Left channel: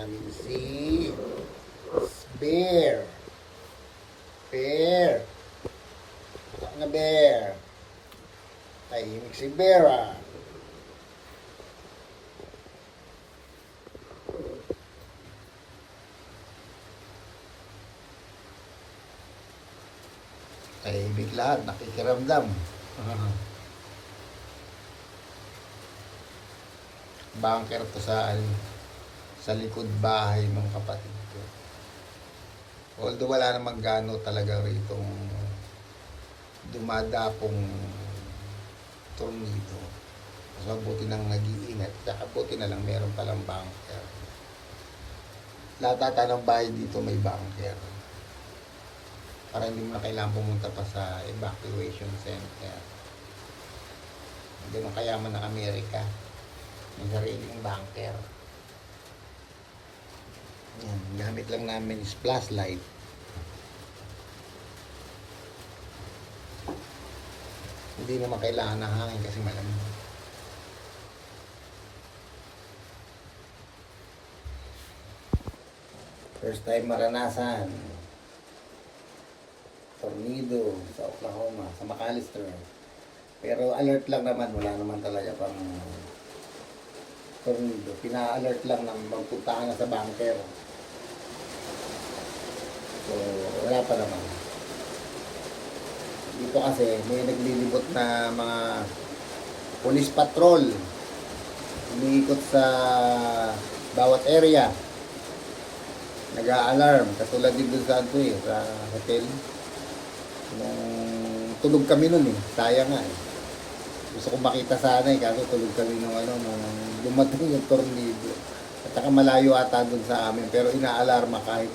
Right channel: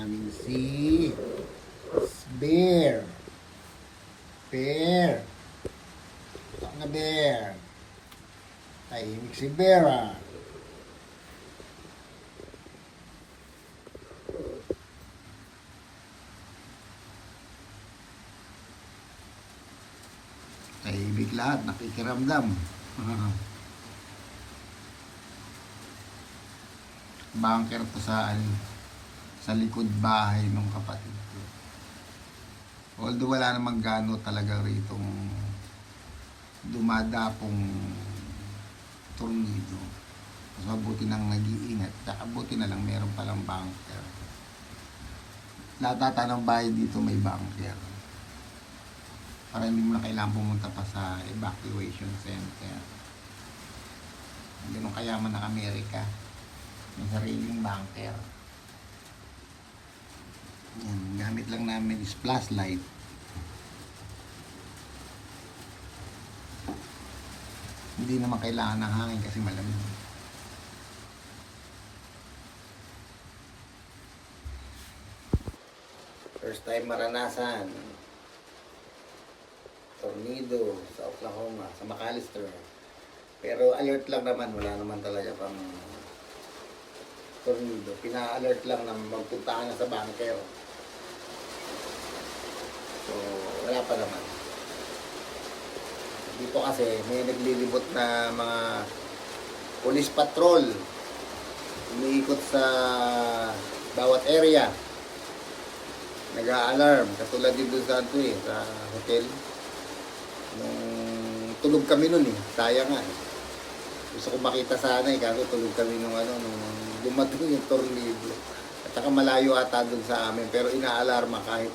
namin si Bear. Bear. Saan na Bear? Tahimik si Bear ah. Tahimik lahat, nakikiramdam. Bunker to sa likod bahay ng kapatid ko. Although wala namang gano talaga ritong dumadapong tornado. Mas mabuti nang nag-iingat. Saka buti na lang meron palang bunker. Lahat ata ng bahay dito may bunker. Para hindi mo na kailangan pumunta pa sa evacuation center. Ganun kayaman ng Amerika. May sariling bunker. Ayan, ang gamit lang namin is flashlight. Hindi naman kailangan ng hangin kasi malamig. First time maranasan tornado sa Oklahoma, sa McAllister. Pero alert lang naman, wala naman talaga pang tornado. Pina-alert lang na magpunta ka na sa bunker. So, wala pa naman. Dito kasi may naglilibot na mga police patrol. Umiikot sa bawat area. Nag-a-alarm. Katulad din dun sa sa hotel. Nung tulog kami nun sayang nga Gusto ko makita sana kaso tulog kami nung dumating yung tornado. At saka malayo ata dun sa amin, pero ina-alarma kahit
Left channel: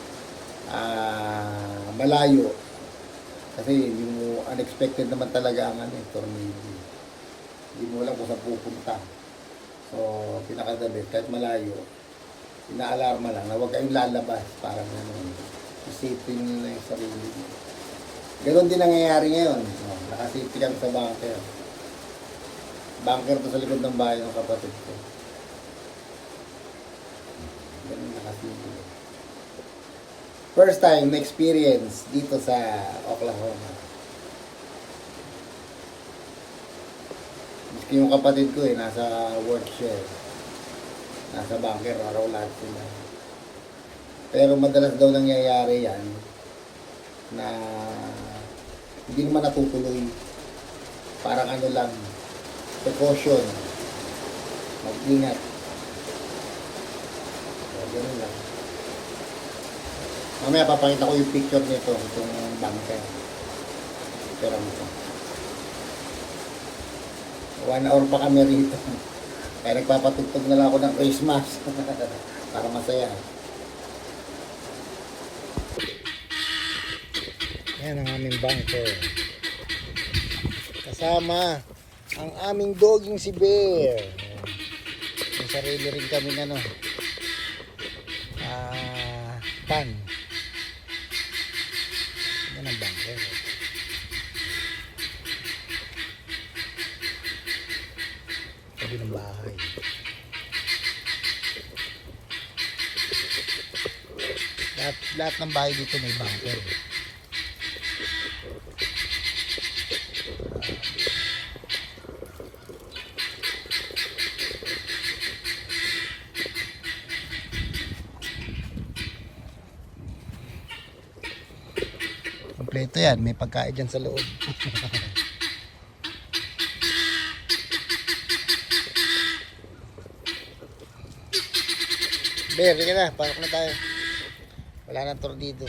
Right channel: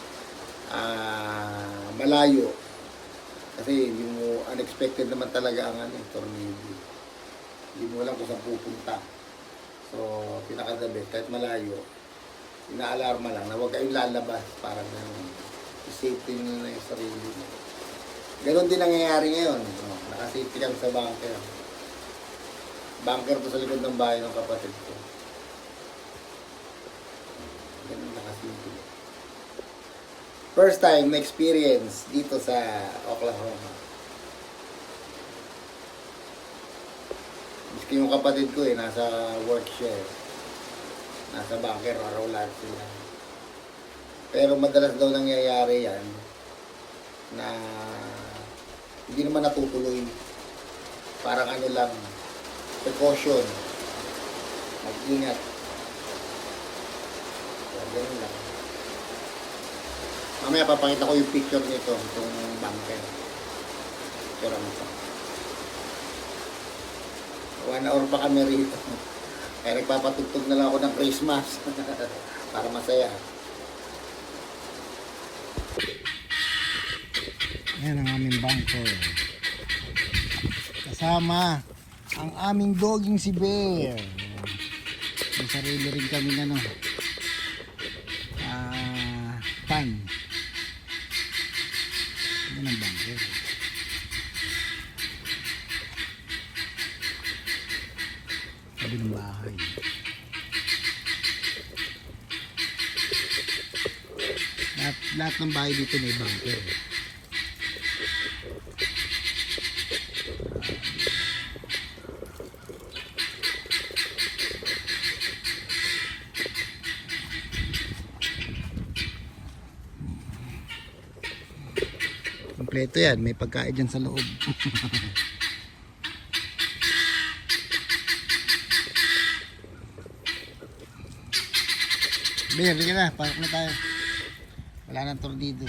malayo. Kasi hindi mo, unexpected naman talaga ang tornado. Hindi mo alam kung saan pupunta. So, pinaka-the-best, kahit malayo, ina-alarma lang na huwag kayong lalabas, parang gano'n. Safety nyo na yung sarili. Ganon din nangyayari ngayon. Nakasafety kami sa bunker. Bunker to sa likod ng bahay ng kapatid ko. Ganon nakasafety. First time experience dito sa Oklahoma. Miski yung kapatid ko nasa work siya Nasa bunker, araw lahat sila. Pero madalas daw nangyayari yan na hindi naman natutuloy. Parang lang, precaution. Mag-ingat. So, ganun lang. Mamaya papakita ko yung picture nito, itong bunker. Picture ang ito. 1 hour pa kami rito. Kaya nagpapatugtog na lang ako ng Christmas. Para masaya. Yan ang aming bunker. Kasama ang aming doging si Bear. May sarili rin kaming pan. Yan ang bunker. Sabi ng bahay. Lahat ng bahay dito may bunker. Kompleto yan, may pagkain dyan sa loob. Bear, sige na, parok na tayo. Wala nang tornado.